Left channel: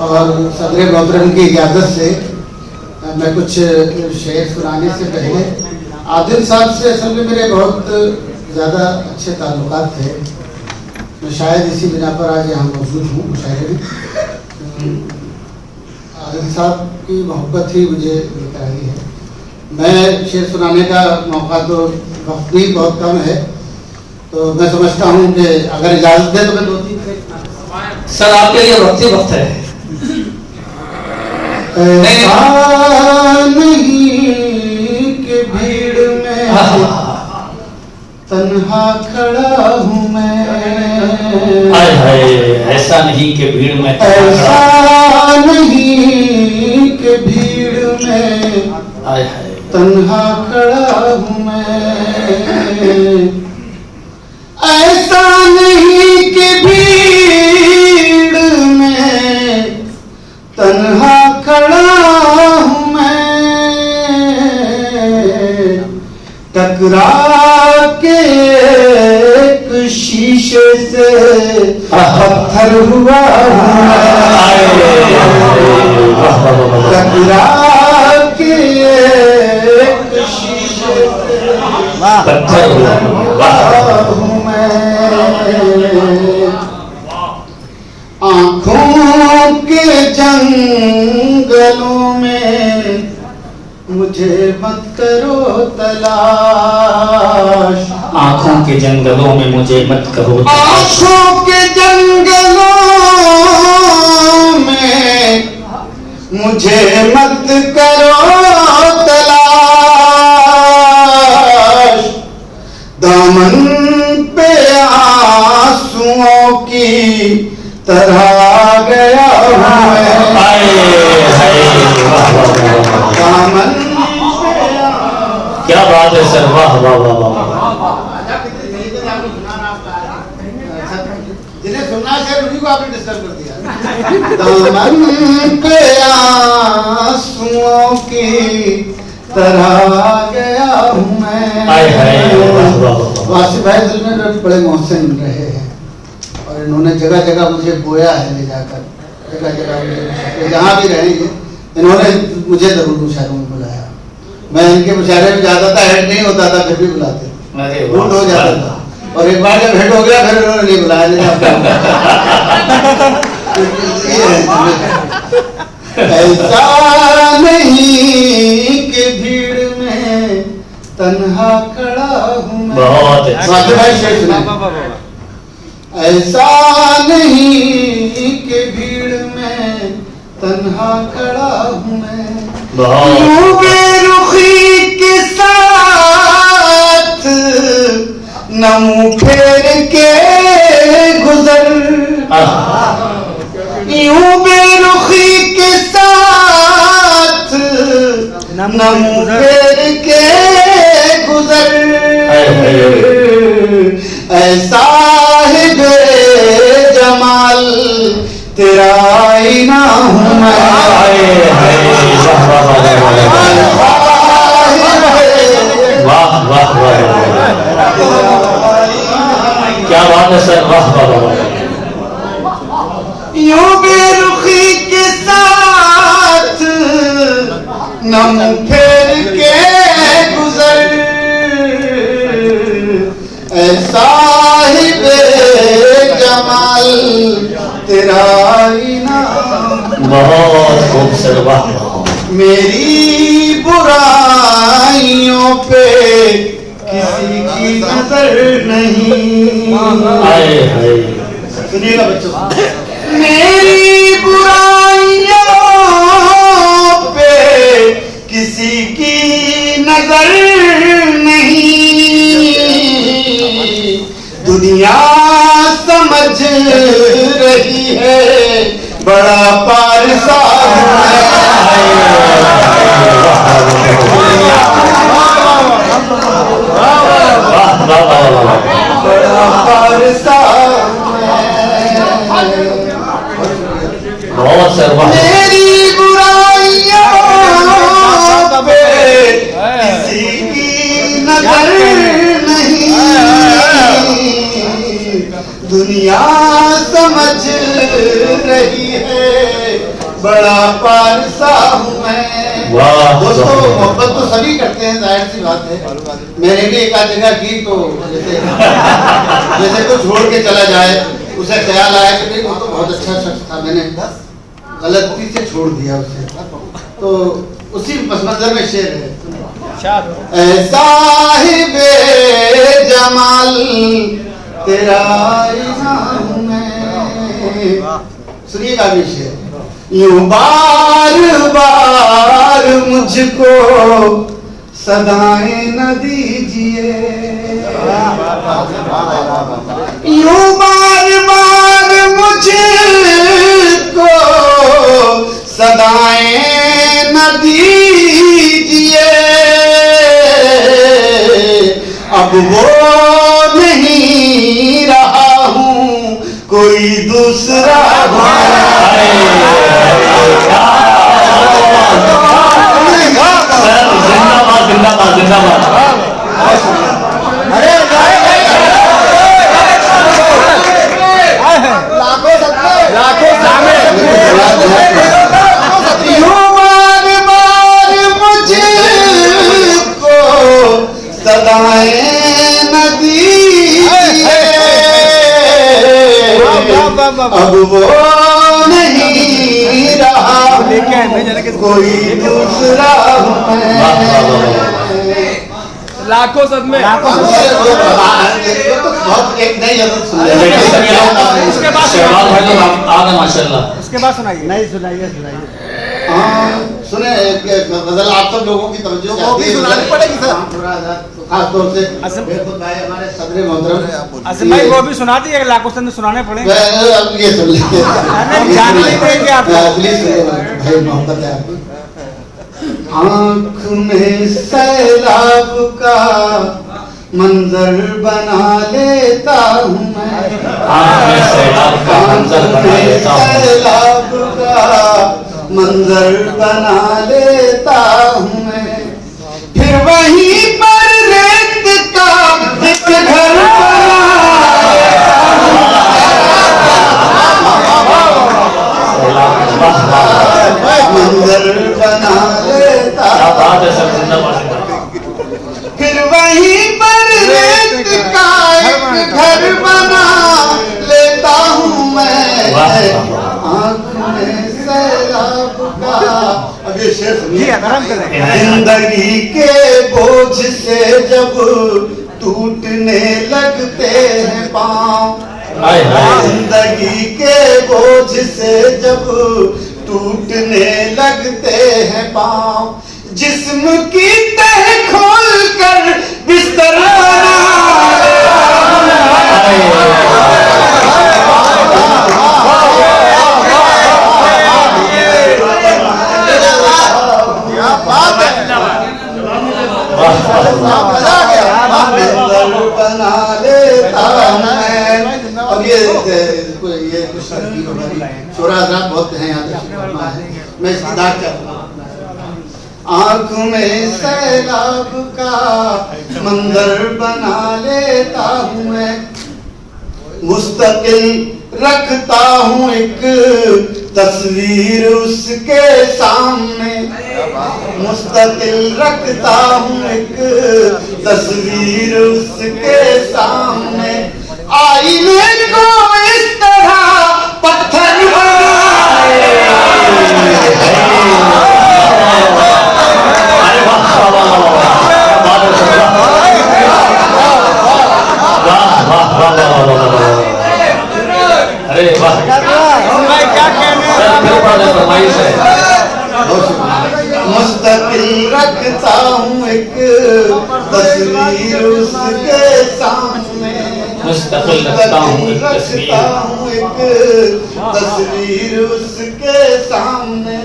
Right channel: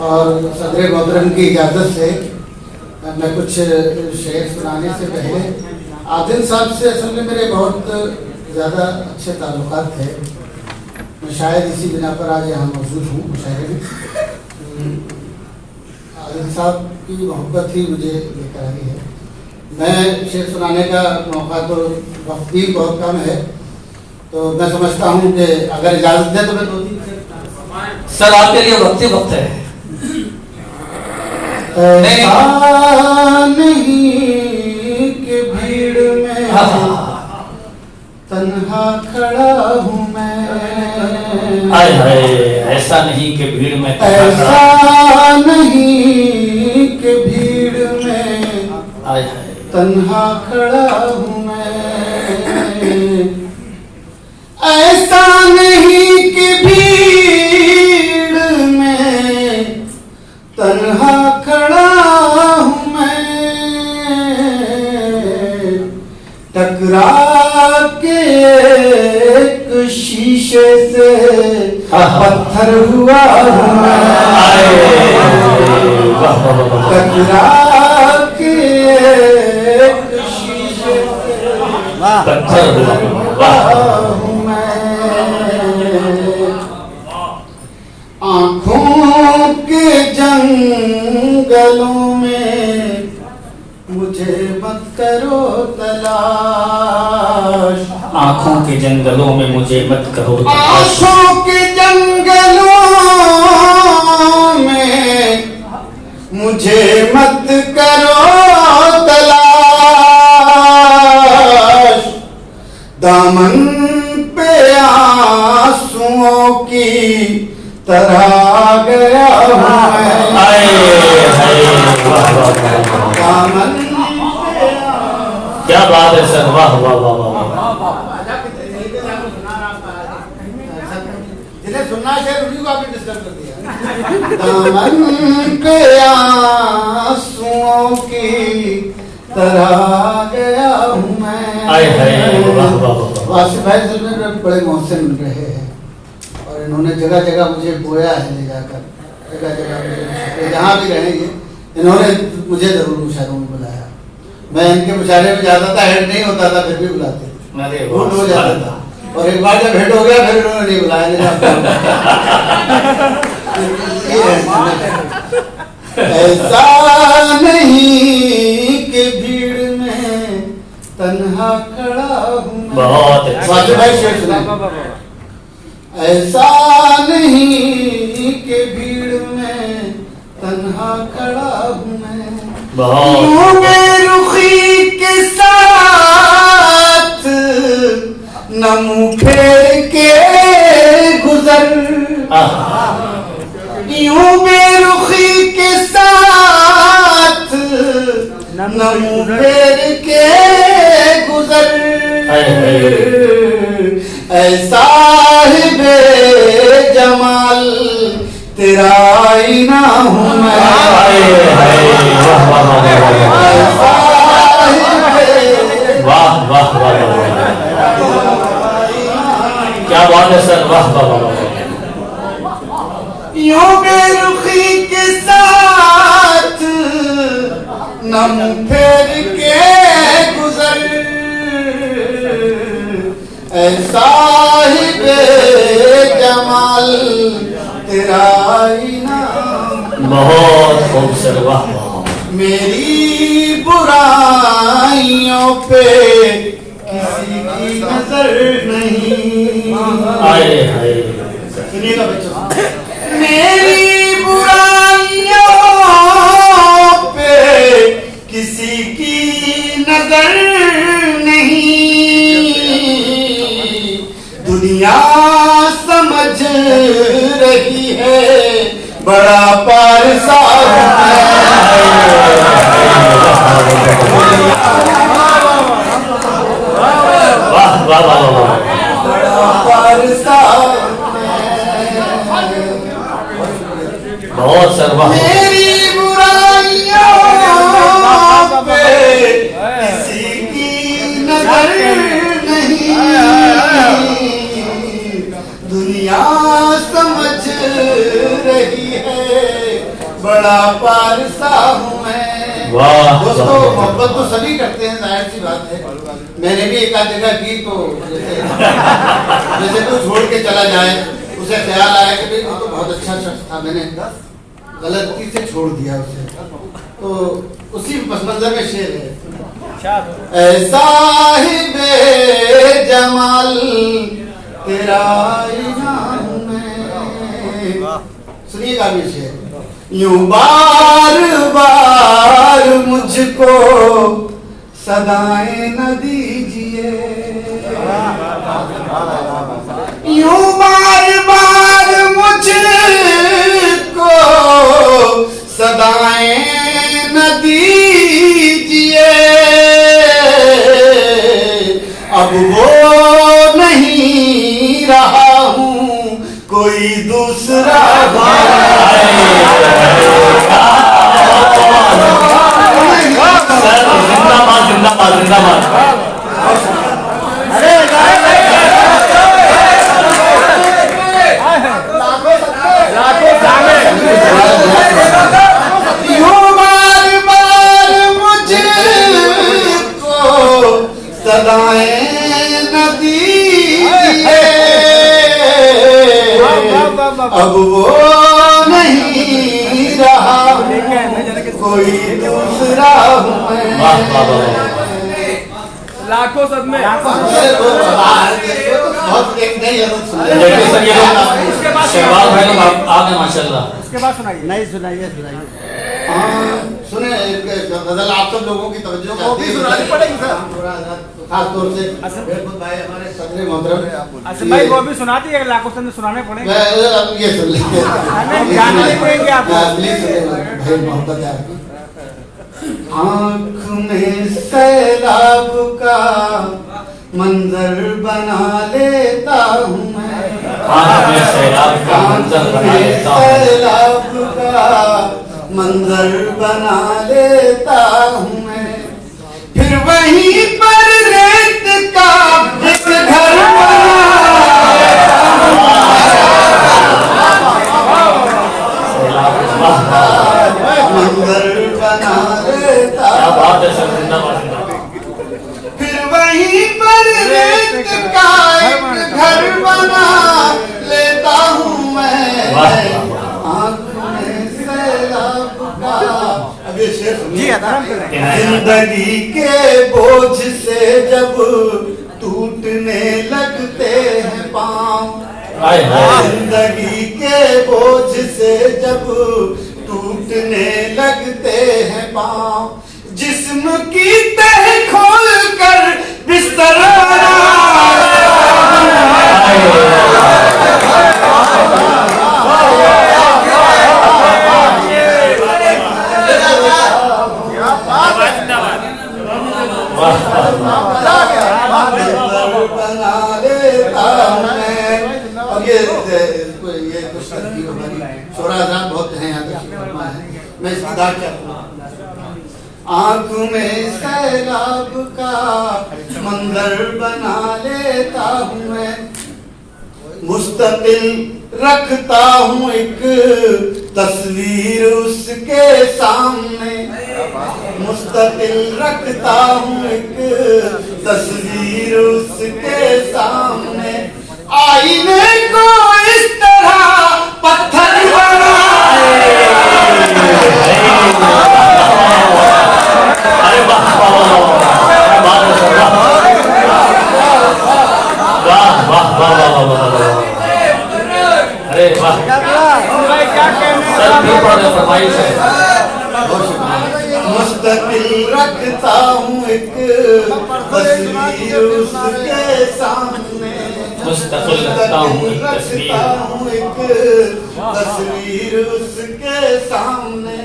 और सदर मोहतरम की इजाज़त से मैं कुछ शेर सुनाने से पहले आदिल साहब से असल में मेरे बहुत ज़्यादा अच्छे ताल्लुकात थे। मैं शायद इसी बिना पर आज यहाँ मौजूद हूँ मुशायरे में। आदिल साहब की मोहब्बत ही मुझे लेकर आई है। मैं शेर सुनाने का मौका तो वक्त भी बहुत कम है, तो मैं समझता हूँ कि अगर इजाज़त दे तो मैं 2-3 सर आपके लिए वक्त ही वक्त है। नहीं कि भीड़ में तन्हा खड़ा हूँ मैं। हाय हाय, ऐसा नहीं कि भीड़ में ऐसा नहीं कि भीड़ में हाय हाय तन्हा खड़ा हूँ मैं। ऐसा नहीं कि भीड़ में तन्हा खड़ा हूँ मैं। टकरा के एक शीशे से पत्थर हुआ हूँ मैं। टकरा के एक शीशे से पत्थर हुआ हूँ मैं। आँखों के जंगलों में मुझे मत करो तलाश। आँखों के जंगलों में मुझे मत करो तलाश। आँखों के जंगलों में मुझे मत करो तलाश। दामन पे आंसुओं की तरह गया हूँ मैं। दामन क्या बात है सर, वाह वाह वाह वाह। जिन्हें सुनना चाहिए उन्हीं को आपने डिस्टर्ब कर दिया। दामन पे आंसुओं की तरह गया हूँ मैं। वासिफ भाई दिल में बड़े मोहसिन रहे हैं और इन्होंने जगह जगह मुझे बोया है ले जाकर। जगह जगह जहाँ भी रहेंगे इन्होंने मुझे जरूर मुशायरों में बुलाया। मैं इनके मुशायरे में जाता था, हेड नहीं होता था, फिर भी बुलाते, भूल हो जाता था। और एक बार जब हेड हो गया फिर इन्होंने नहीं बुलाया। ऐसा नहीं कि भीड़ में तन्हा खड़ा हूँ मैं। बहुत ऐसा नहीं कि भीड़ में तन्हा खड़ा हूँ मैं। बेरुखी के साथ न मुँह फेर के गुजर। यूं बेरुखी के साथ न मुँह फेर के गुजर। ऐसा है बेजमाल तेरा आईना हूँ मैं। वाह वाह वाह, क्या बात है सर, वाह वाह वाह। यूं बेरुखी के साथ न मुँह फेर के गुजर। ऐसा ही बेजमाल तेरा आईना। बहुत खूब सर, वाह वाह। मेरी बुराइयों पे किसी की नजर नहीं। आए हाय, सुनिएगा बच्चों, मेरी बुराइयों पे किसी की नजर नहीं। दुनिया समझ रही है बड़ा पारसा बहुत सर, मेरी बुराइयों पे किसी की नजर नहीं। दुनिया समझ रही है बड़ा पारसा हूँ मैं। वाह। दोस्तों मोहब्बत तो सभी करते हैं, जाहिर सी बात है। मैंने भी एक आध जगह की, तो जैसे कोई छोड़ के चला जाए, उसे ख्याल आया कि भाई वो तो बहुत अच्छा शख्स था, मैंने गलती से छोड़ दिया उसे, तो उसी पस मंजर में शेर है। ऐ साहिबे जमाल तेरा इनाम मैं। सुनिएगा भी शेर। यूं बार बार मुझको सदाएं न दीजिए, यूं बार बार मुझको सदाएं न दीजिए, अब वो नहीं रहा हूँ कोई दूसरा जिंदाबाद जिंदाबाद जिंदाबाद। अरे बार बार मुझको सदाएं न दीजिए, अब वो नहीं रहा कोई दूसरा लाखों सदमे। बहुत एक नई आदत सुन देखिए सर, ये शहबाज भाई तो आ गए माशाल्लाह। उसके बाद सुनाइए। नहीं सुनाइए सुनाइए। हाँ सुने, गजल आप सब लोगों की तवज्जो चाहती है, सुनानी पड़ेगी सर, खास तौर से बेरपुर भाई हमारे सदर मोहतरम असम भाई वो भी सुना दिए, लाखों सदमे सुनाने पड़ेंगे। अब ये सुन लीजिए, जाने नहीं देंगे आप। प्लीज भाई, मोहब्बत है आपकी। आँख में सैलाब का मंजर बना लेता हूँ मैं, आँख में सैलाब का मंजर बना लेता हूँ, सैलाब का मंजर बना लेता हूँ मैं, फिर वहीं पर रेत का एक घर मंजर बना लेता, क्या बात है सर, जिंदाबाद। फिर वहीं पर रेत का एक घर बना लेता हूँ मैं, आँख में सैलाब का। अब ये शेर सुनिए। जिंदगी के बोझ से जब टूटने लगते हैं पाँव, जिंदगी के बोझ से जब टूटने लगते हैं पाँव, जिस्म की तह खोल कर बिस्तर बना लेता मैं। अब ये कुछ शोरा साहब बहुत हैं यहाँ, मैं इसकी दाग चाहता हूँ। आँख में सैलाब का मंजर बना लेता हूँ मैं, मुस्तकिल रखता हूँ एक तस्वीर उसके सामने, मुस्तकिल रखता हूँ एक तस्वीर उसके सामने, आईने को इस तरह पत्थर अरे वाह, मुस्तकिल रखता हूँ एक तस्वीर उसके सामने, मुस्तकिल रखता हूँ एक तस्वीर उसके सामने,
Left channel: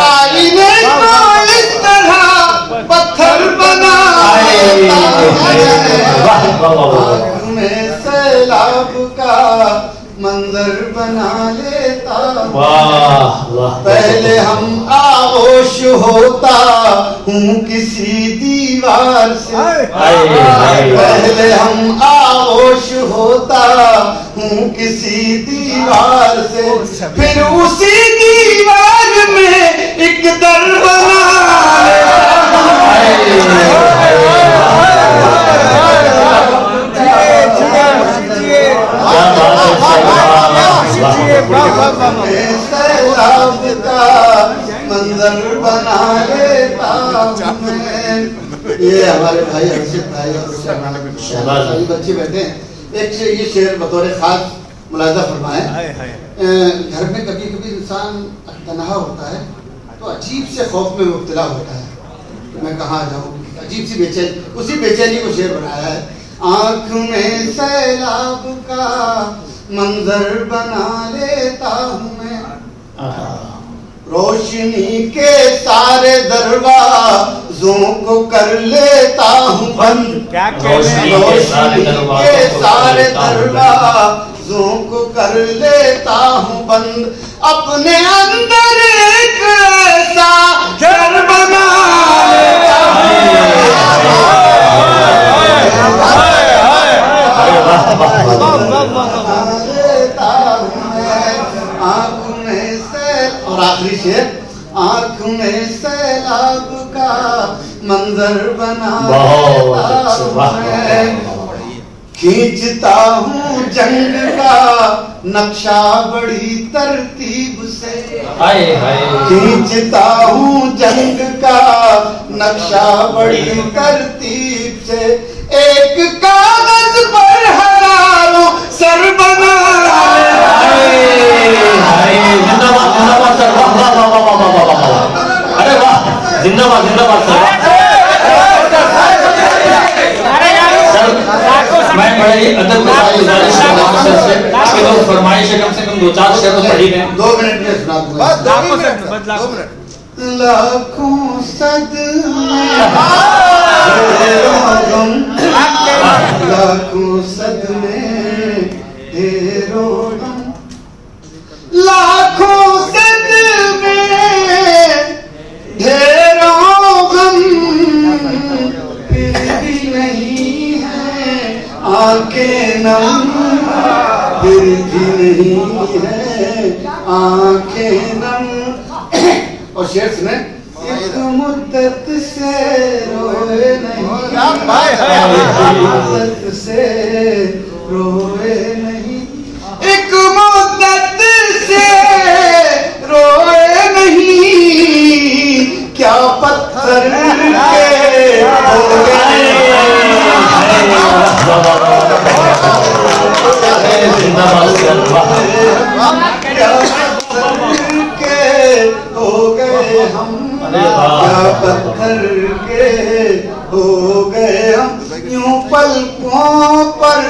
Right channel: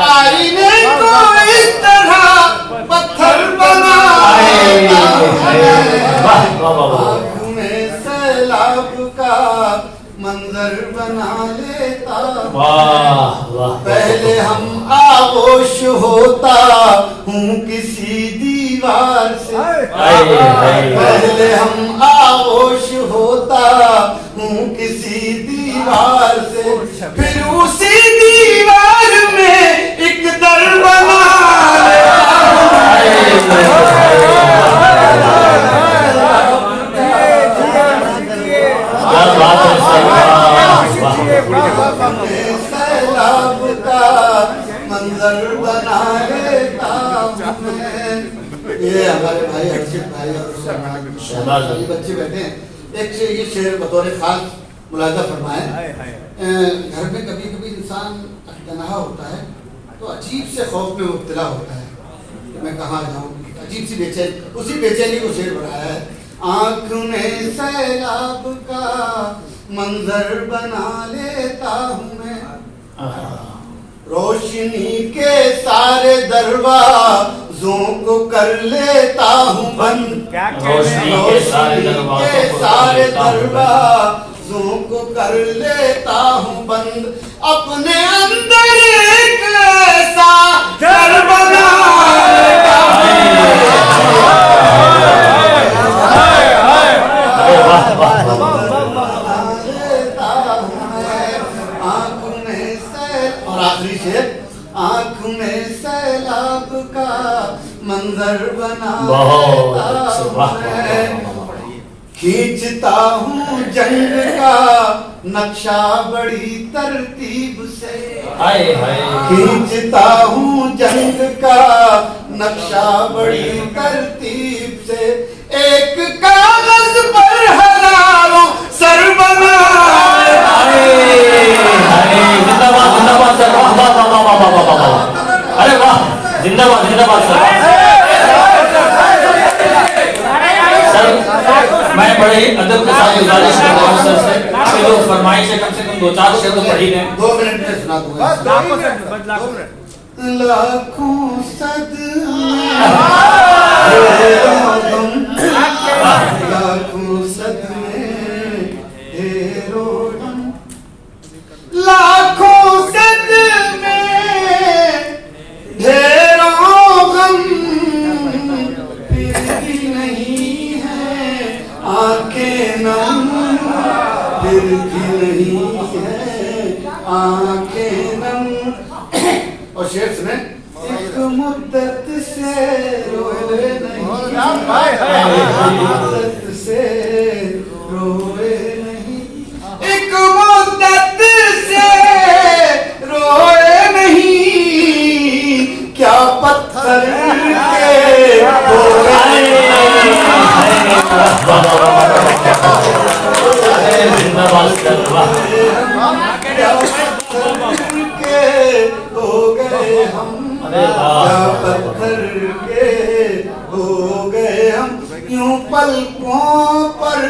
आईने को इस तरह पत्थर बना आँख में सैलाब का मंजर बना लेता। वाह वाह। पहले हम आगोश होता हूँ किसी दीवार से, पहले हम आगोश होता हूँ किसी दीवार से, फिर उसी दीवार मंजर बना लेता हूँ मैं। ये हमारे भाई हर्षित भाई और शहबाज भाई। बच्चे बैठे हैं। एक से ये शेर बतौर खास मुलाजा फरमाए। घर में कभी कभी इंसान तनहा होता है तो अजीब से खौफ में मुब्तला होता है, तो मैं कहाँ जाऊँ, अजीब सी बेचैनी, उसी बेचैनी को शेर बनाया है। आँख में सैलाब का मंजर बना लेता हूँ मैं, रोशनी के सारे दरवाजों को कर लेता हूँ बंद, क्या रोशनी कहने के सारे दरवाजों को कर लेता हूँ बंद, अपने अंदर एक ऐसा घर बना लेता हूँ। आँख में सैल, और आखिरी शेर, आँख में सैलाब का मंजर बना लेता हूँ मैं, खींचता हूँ जंग का नक्शा बड़ी तरतीब से, हाय हाय खींचता हूँ जंग का नक्शा बड़ी तरतीब से, एक कागज पर हजारों सर बना लेता हूँ। हाय जिंदाबाद जिंदाबाद सर, वाह वाह वाह वाह वाह वाह वाह, अरे वाह, जिंदाबाद जिंदाबाद सर। सर मैं बड़े ही अदब के साथ गुजारिश करता हूँ सर से कि जो फरमाइश है कम से कम 2-4 शेर तो पढ़ी गए। 2 मिनट में सुना दूंगा। लाखों सदमे लाखों सदमे ढेरों गम, लाखों सदमे ढेरों गम, फिर भी नहीं है आंखें नम, फिर भी नहीं है आंखें नम। और शेर सुने, एक मुद्दत से रोए नहीं, मुद्दत से रोए नहीं, एक मुद्दत से रोए नहीं, क्या पत्थर के रोए जिंदाबाद सर, वाह क्या पत्थर के हो गए हम, क्या पत्थर के हो गए हम, यूं पलकों पर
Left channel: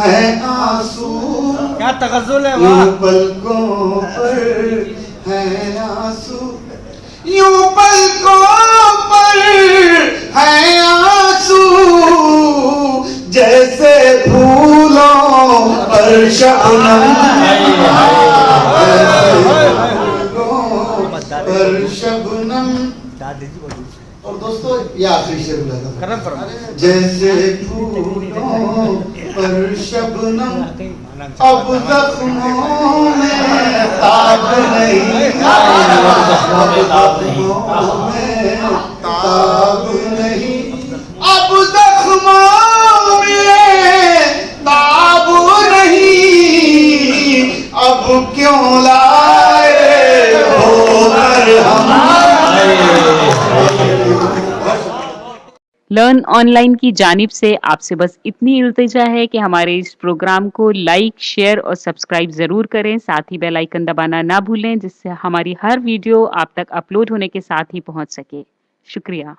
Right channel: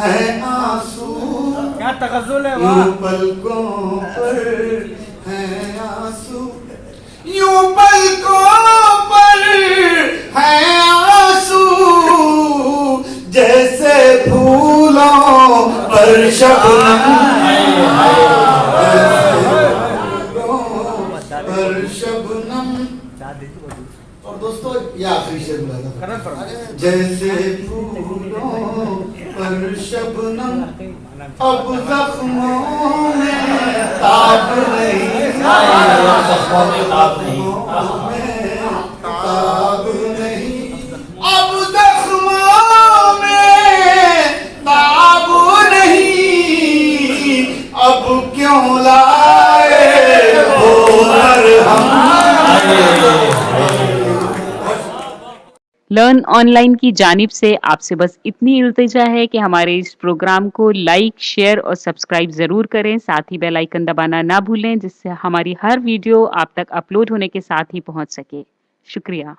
है आंसू, क्या तगज़ुल है यूं वाह। पलकों पर है आंसू, यूं पलकों पर है आंसू, जैसे फूलों पर शबनम, पर शबनम। और दोस्तों ये आखिरी शेर बोला था, करम फरमा। जैसे फूलों पर शबनम, अब जख्मों में ताब नहीं, जख्मों में ताब नहीं, ताब नहीं, अब जख्मों में ताब नहीं, अब क्यों लाए हो हम। लर्न ऑनलाइन की जानिब से आपसे बस इतनी इल्तिजा है कि हमारे इस प्रोग्राम को लाइक, शेयर और सब्सक्राइब ज़रूर करें। साथ ही बेल आइकन दबाना ना भूलें, जिससे हमारी हर वीडियो आप तक अपलोड होने के साथ ही पहुंच सके। शुक्रिया।